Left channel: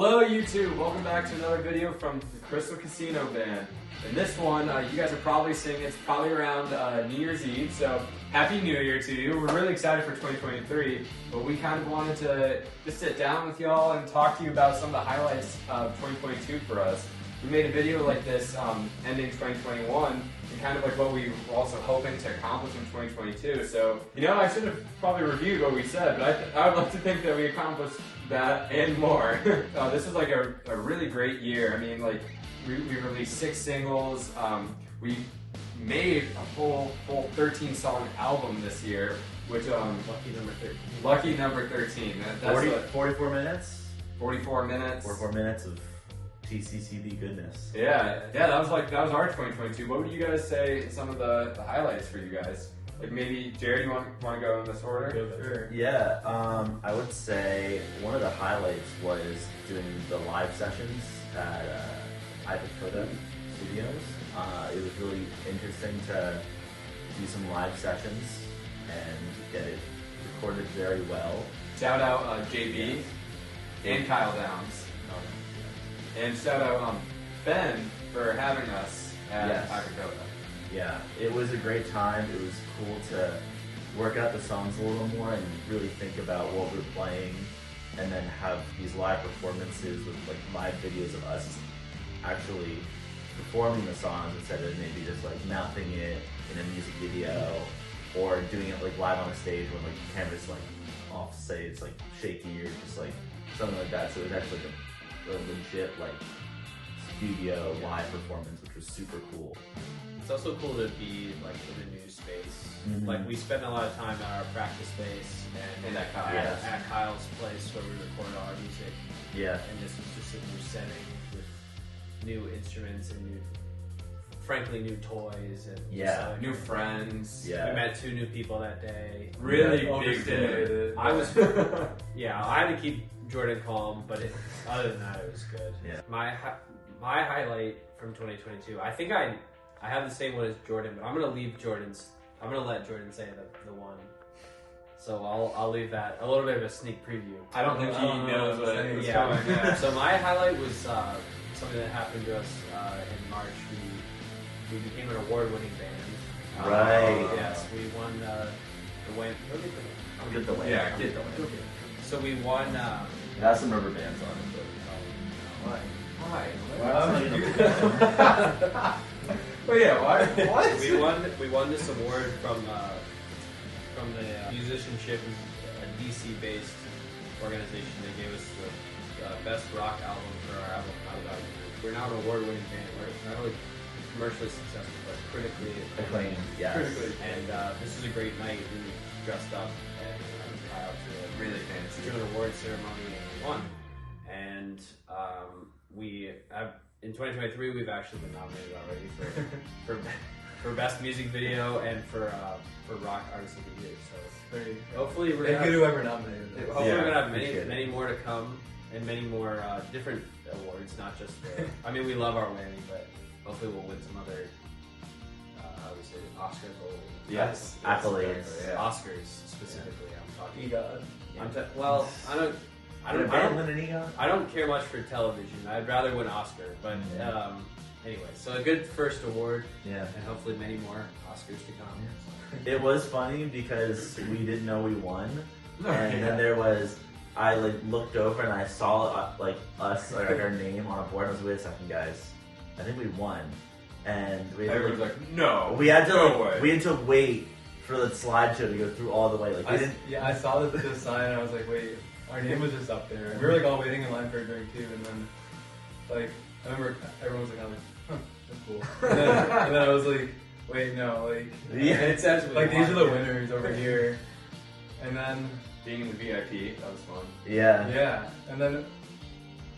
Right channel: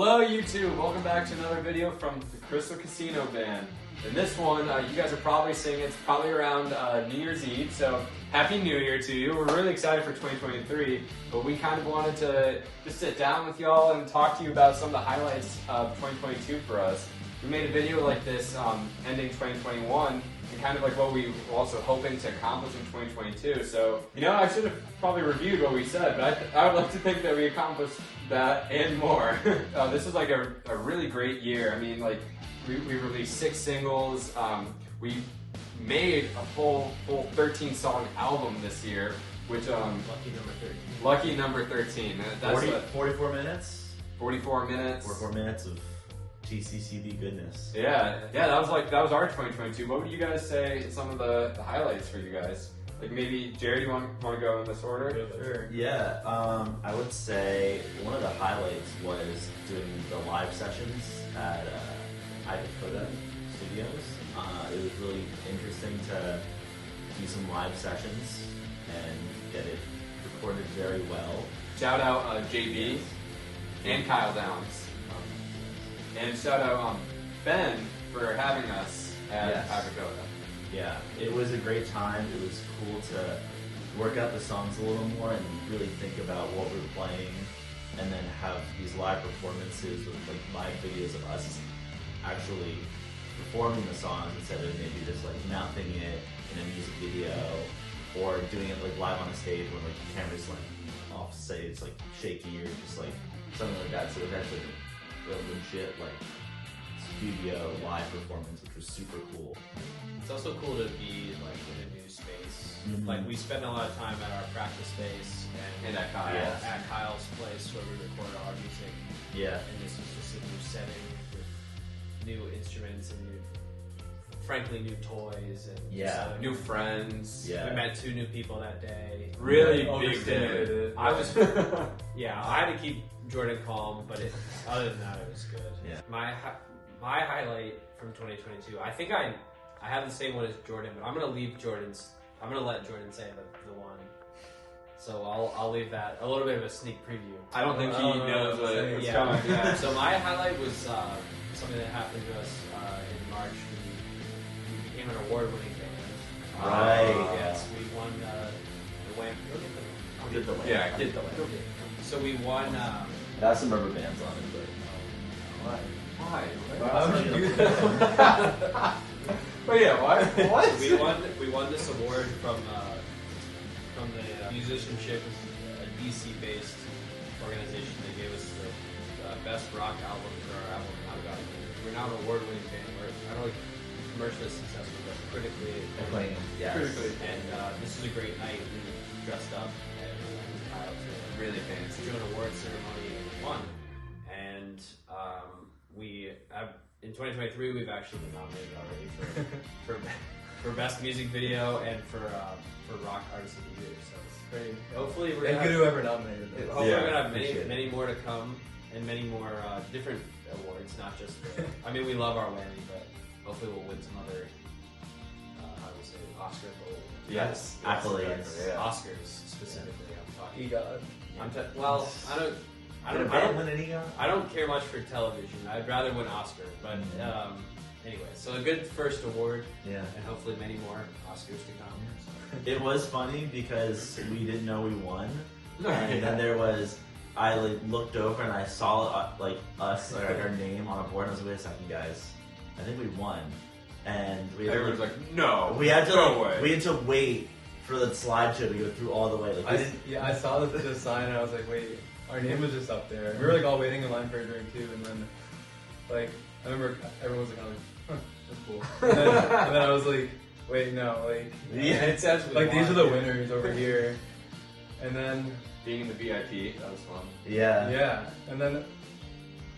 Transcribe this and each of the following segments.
Hello YouTube, welcome back to another video from the Crystal Casino Band. And this one, you guys are probably seeing it's probably around New Year's Eve, so Happy New Year to you. We're really excited for 2023, but we kind of wanted to just sit down with y'all and talk to you about some of the highlights of 2022 for us. We made a video like this ending 2021, and kind of like what we were also hoping to accomplish in 2022. So, you know, I should have probably reviewed what we said, but I would like to think that we accomplished that and more. This is like a really great year. I mean, like, we released 6 singles. We made a full 13-song album this year, which lucky number 13. Lucky number 13. That's 44 minutes. 44 minutes. 44 minutes of TCCB goodness. Yeah, that was our 2022. What would you guys say some of the highlights for you guys? Like maybe Jarrod, you want to go in this order? Sure. Yeah, I would say one of the highlights was doing the live sessions at Ivakota Studios. It was really interesting to do some live sessions and get it recorded very well. Shout out JB and Kyle Downs. And shout out Ben for having us at Ivakota. Yeah, it was a great time. It was cool to work out the songs a little more and really think about what we're playing, and then have these live performances with like live videos of us actually performing the songs instead of maybe just like mouthing it in a music video or doing it like live on a stage when like the camera's like off, say it's like shaky or just like something like that. So it was actually like a legit like studio live performance, which was super cool. It's also cool to be like in a new space. Like we spend a lot of time at our practice space and at Kyle's. At Kyle's place where we record all our music. Yeah. And this is just a new setting with new instruments and frankly new toys and new friends. Yeah. We met 2 new people that day. Really big day. I was I had to keep Jordan calm, but other than that it was good. Yeah. My highlight from 2022, I think I have the same one as Jordan, but I'm gonna let Jordan say the one. So I'll leave that a little bit of a sneak preview. I don't think he knows what it was coming. Yeah. So my highlight was something that happened to us in March. We became an award-winning band. Right. Yes, we won the Wham. I'll get the way. Yeah, get the way. So we won. That's some rubber bands on them, but Why? why would you do that? But yeah, why? What? We won this award from the musicianship, a DC-based organization. They gave us the best rock album for our album Not About You. We're now an award-winning band. We're not only commercially successful, but critically acclaimed. Yes. And this was a great night. We dressed up and out to Really fancy. an award ceremony and we won. And we have, in 2023, we've actually been nominated already for best music video and for rock artist of the year. So hopefully we're gonna have, whoever nominated them. hopefully we're gonna have many more to come and many more different awards, not just. I mean, we love our Whammy, but hopefully we'll win some other. How do we say it? Oscars? Yes. Accolades. Yeah. Oscars specifically. I'm talking. EGOT. Well, I don't care much for television. I'd rather win Oscar, but anyway, so a good first award, Yeah. and hopefully many more Oscars to come. It was funny because we didn't know we won, and then there was. I like looked over and I saw us our name on a board. And I was like, wait a second, guys, I think we won, and we had Everyone's like, no. we had to no way. we had to wait for the slideshow to go through all the way. Like we didn't. I saw the sign and I was like, wait, our name was just up there. We were like all waiting in line for a drink too, and then like I remember everyone was like, huh, that's cool. And then I was like, wait, no, like It's actually like these are the winners over here, and then. Being in the VIP, that was fun. Yeah, and then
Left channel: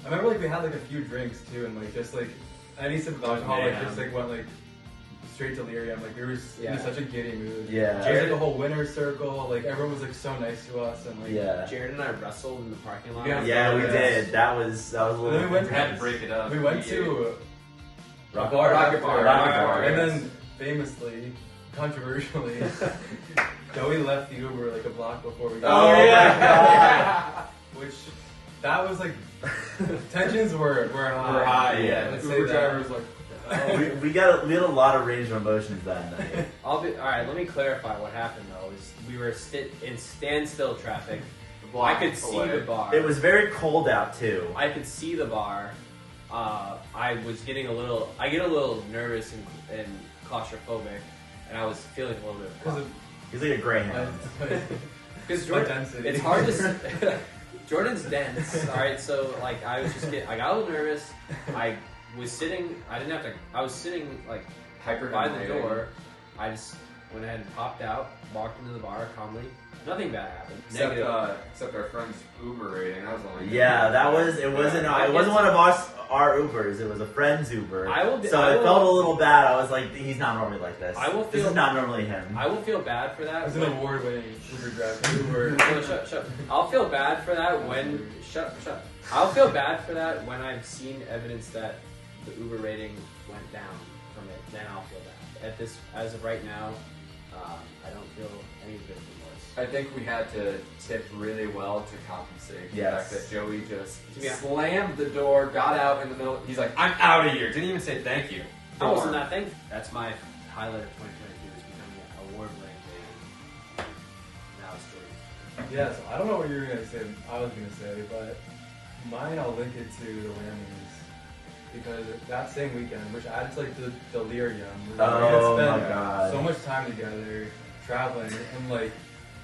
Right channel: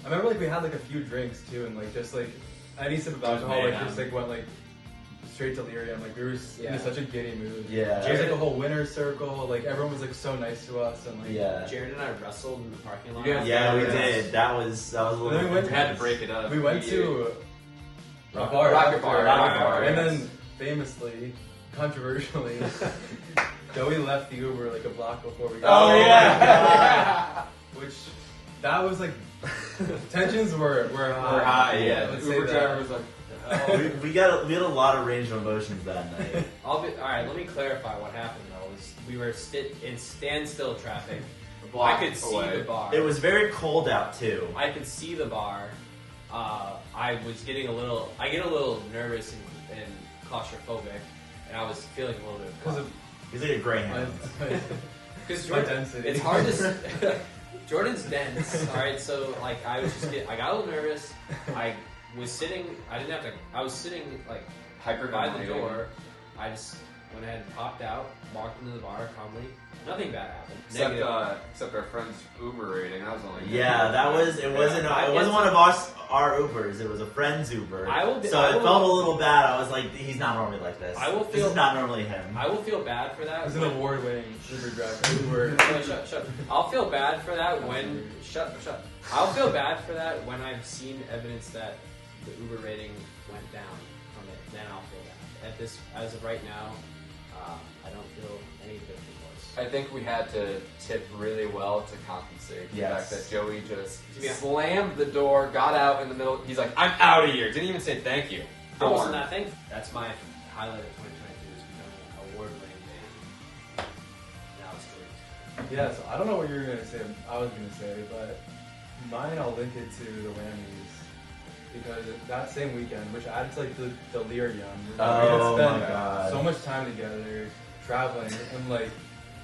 I remember like we had like a few drinks too, and like just like any sip of alcohol like just like went like straight delirium. Like we were in such a giddy mood. Yeah. There was like a whole winner's circle. Like everyone was like so nice to us, and like Jared and I wrestled in the parking lot. Yeah, we did. That was a little. Then we had to break it up. We went to a bar, Rocket Bar, and then famously, controversially. Joey left the Uber like a block before we got Oh yeah! which that was like tensions were high. We're high, yeah. Let's The say Uber that. driver was like, we had a lot of range of emotions that night. Alright, let me clarify what happened though. We were in standstill traffic. I block could see away. the bar. It was very cold out too. I could see the bar. I was getting I get a little nervous and claustrophobic, and I was feeling a little bit Because of He's like a greyhound. because my density. it's hard to. Jordan's dense. All right, so like I got a little nervous. I was sitting. I didn't have to. I was sitting like by the door. I just went ahead and popped out, walked into the bar calmly. Nothing bad happened. Except our friend's Uber rating. That was only Yeah, that was. It wasn't. It wasn't one of our Ubers. It was a friend's Uber. I will. So it felt a little bad. I was like, he's not normally like this. This is not normally him. I will feel bad for that. As an award-winning Uber driver, Uber. No, shut. I'll feel bad for that when shut. I'll feel bad for that when I've seen evidence that the Uber rating went down from it. Then I'll feel bad. As of right now, I don't feel any bit worse. I think we had to tip really well to compensate for the Yes. fact that Joey just slammed the door, got out in the middle. He's like, "I'm out of here." Didn't even say thank you. I wasn't that thing. That's my highlight of 2022 is becoming an award-winning band. Now it's stories. Yeah, so I don't know what you were gonna say. I was gonna say, but mine I'll link it to the Whammies because that same weekend, which adds like the delirium. Oh we had my spent God. so much time together traveling, and like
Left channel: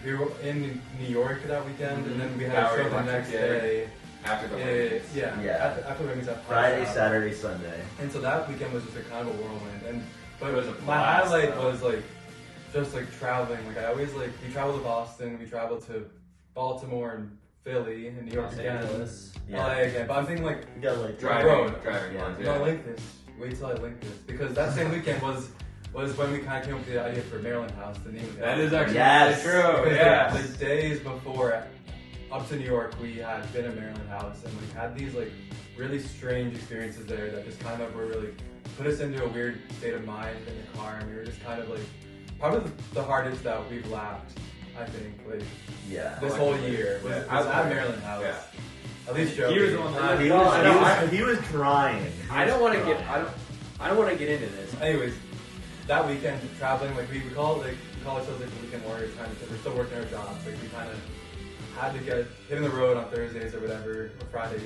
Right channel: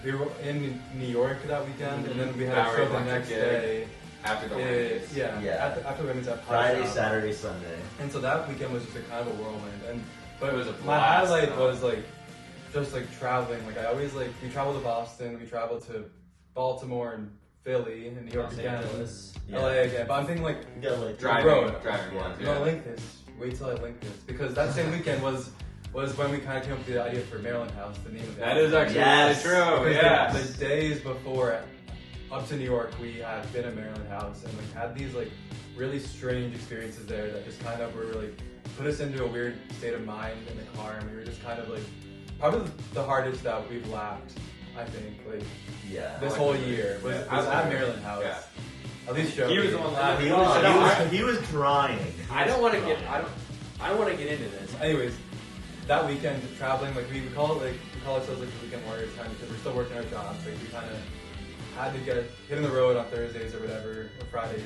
we were in New York that weekend, and then we had a show the next day. After the Yeah. After Whammies at Friday, Powerhouse. Saturday, Sunday. And so that weekend was just a kind of a whirlwind, but It was a my blast, highlight though. was like just like traveling. Like I always like we traveled to Boston, we traveled to Baltimore and Philly and New York Los again, Angeles. LA again. But I'm thinking like You gotta like driving road. ones. no, link this. Wait till I link this because that same weekend was when we kind of came up with the idea for Maryland House, the name of it. That is actually Yes. really true. Because Yeah. the days before, up to New York, we had been at Maryland House and we had these like really strange experiences there that just kind of were really put us into a weird state of mind in the car, and we were just kind of like probably the hardest that we've laughed. I think like Yeah. this whole year was at Maryland House. Yeah. At least Joe. He was the one that- He was crying. I don't want to get. I don't want to get into this. Anyways, that weekend traveling, like we call it we call ourselves like the weekend warriors kind of because we're still working our jobs. Like we kind of had to get hit on the road on Thursdays or whatever or Fridays.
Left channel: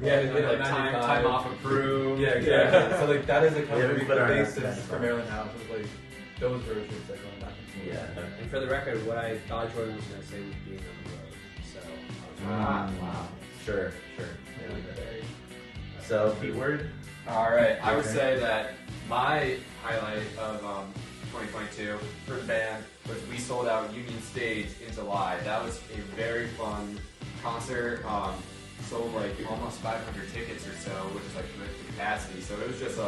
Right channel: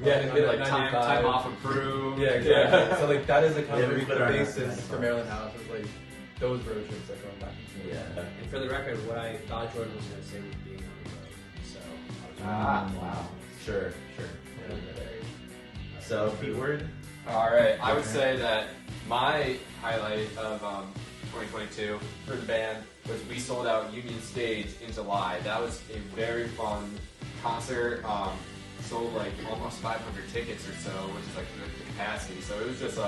We had to hit get like at time 95. off approved. Yeah, exactly. So like that is like kind Yeah, of we the put our basis necks for on. Maryland House is like those road trips that going back and forth. Yeah. And for the record, what I thought Jordan was going to say was being on the road. So. Wow. Sure. So, Pete Word? All right, I would say that my highlight of 2022 for the band was we sold out Union Stage in July. That was a very fun concert. Sold like almost 500 tickets or so, which is like the capacity. So it was just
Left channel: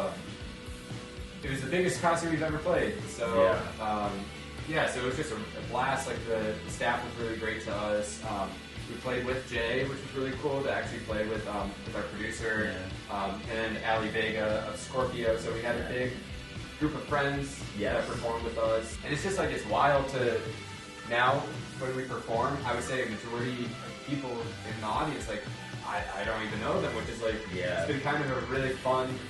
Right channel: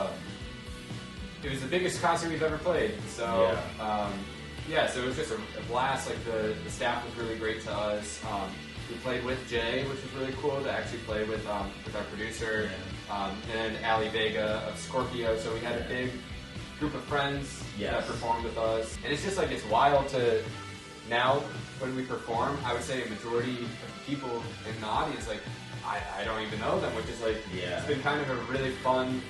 it was the biggest concert we've ever played. So so it was just a blast. Like the staff was really great to us. We played with Jay, which was really cool to actually play with our producer, and Ali Vega of Scorpio. So we had a big group of friends that performed with us. And it's just like, it's wild to, now when we perform, I would say a majority of people in the audience, like, I don't even know them, which is like, it's been kind of a really fun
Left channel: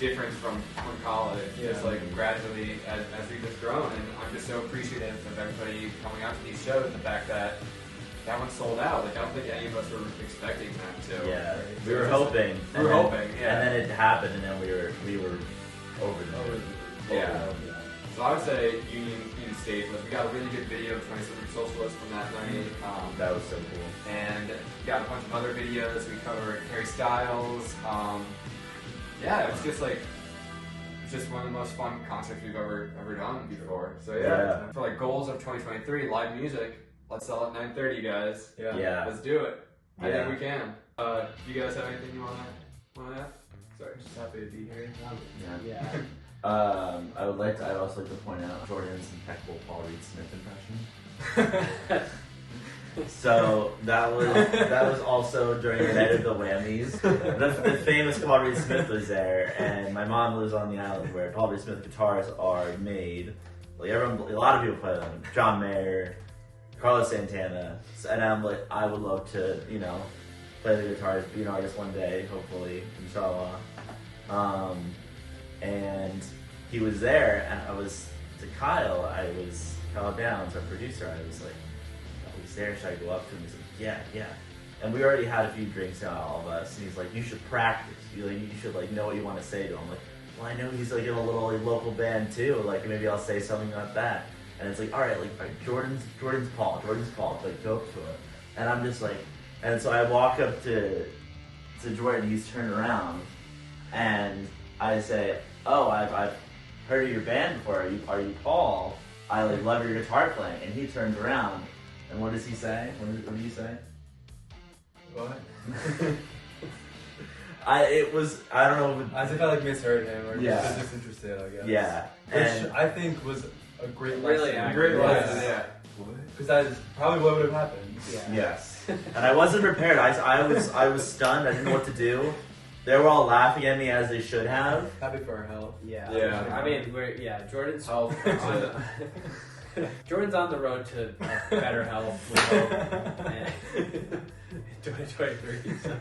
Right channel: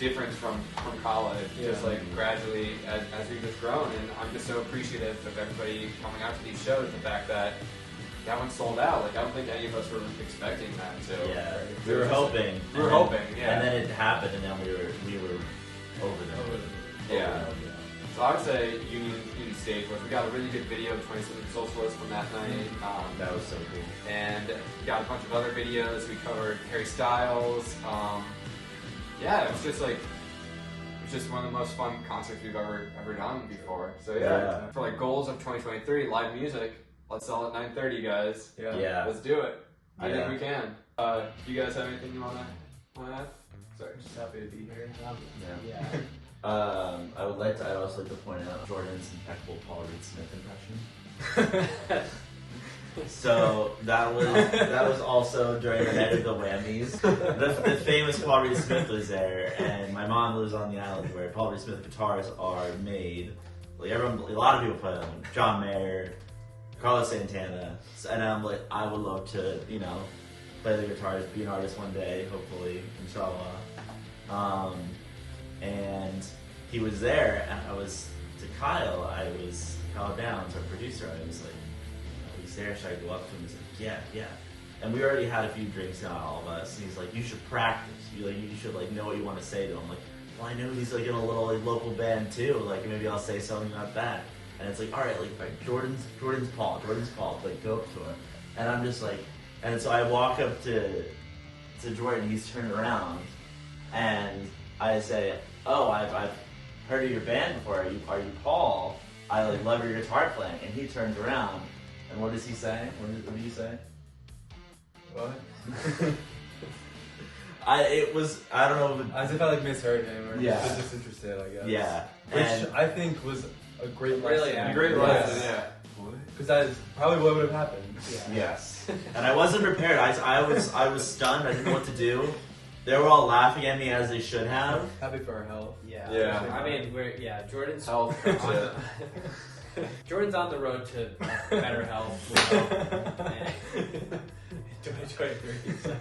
difference from college. Just like gradually as we've just grown, and I'm just so appreciative of everybody coming out to these shows. The fact that one sold out. Like I don't think any of us were expecting that. So Yeah, we were hoping. We were hoping, yeah. And then it happened, and then we were over the moon. Yeah. So I would say Union Stage was. We got a really good video of 20-something Socialist from that night. That was so cool. And we got a bunch of other videos. We covered Harry Styles. It was just like, one of the most fun concerts we've ever done before. So for like goals of 2023, live music. Let's sell at 9:30, guys. Yeah. Let's do it. I think Yeah. we can. You guys have anything you want to add? Sorry. Just happy to be here. I'd also like to point out Jordan's impeccable Paul Reed Smith impression. So that was also during the night of the Whammies. The famous Paul Reed Smith was there, and my mom lives on the island where Paul Reed Smith guitars are made. Like a lot of people play them. John Mayer, Carlos Santana, and I'm like, I would love to, play the guitar, be an artist one day, hopefully, inshallah. And he was there, and Kyle Downs, our producer, I was like, oh, he's there, should I go up to him? He's like, yeah. And we already had a few drinks on, all of us, and he's like, you should practice. You should know what you want to say to him. I'm like, well, I know he's in a little local band too. Maybe I'll say something like that. And it's all right, Jordan's Paul, go up to him. And I'm just and so I walk up to Jordan. He's turned around, and I say, oh, I've heard of your band before. Are you Paul? I love your guitar playing. And he turns around, and what does he say? What do you say? What? I don't know. As if I misheard him or Yeah. just disinterested, I guess. Yeah. Which I think was a great Really lesson. accurate. Great lesson, yeah. Because that is probably what would have happened. Yeah. Yes. And I wasn't prepared. I was stunned. I didn't know what to do. They were all laughing at me as they should have. Happy for our health. Yeah. Yeah. I mean, Jordan's Health. Jordan's on the road to better health, we hope, in 2023. So,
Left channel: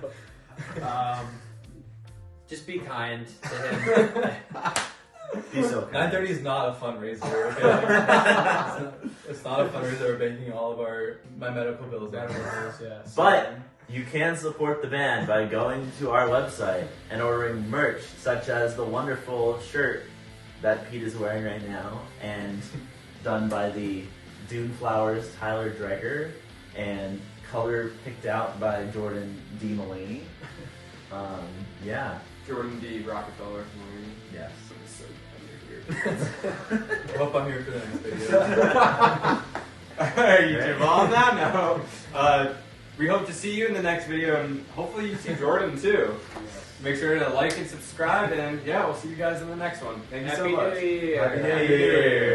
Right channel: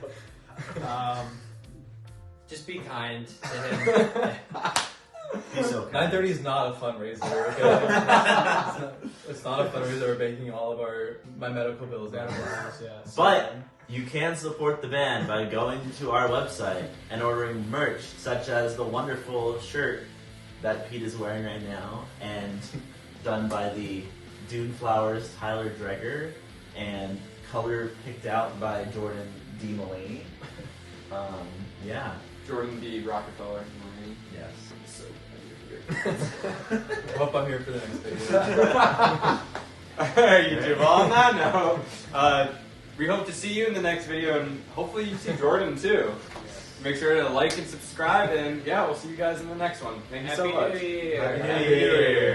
just be kind to him. Be so kind. 930 is not a fundraiser. Okay? it's not a fundraiser. We're making all of my medical bills out of ours. Yeah. But you can support the band by going to our website and ordering merch, such as the wonderful shirt that Pete is wearing right now, and done by the Dune Flowers Tyler Dreger, and color picked out by Jordan D. Mullaney. Yeah. Jordan D. Rockefeller. Yes. I hope I'm here for the next video. You give on that? No. We hope to see you in the next video, and hopefully you see Jordan too. Make sure to like and subscribe, and yeah, we'll see you guys in the next one. Thank you so much. Happy New Year. Happy New Year.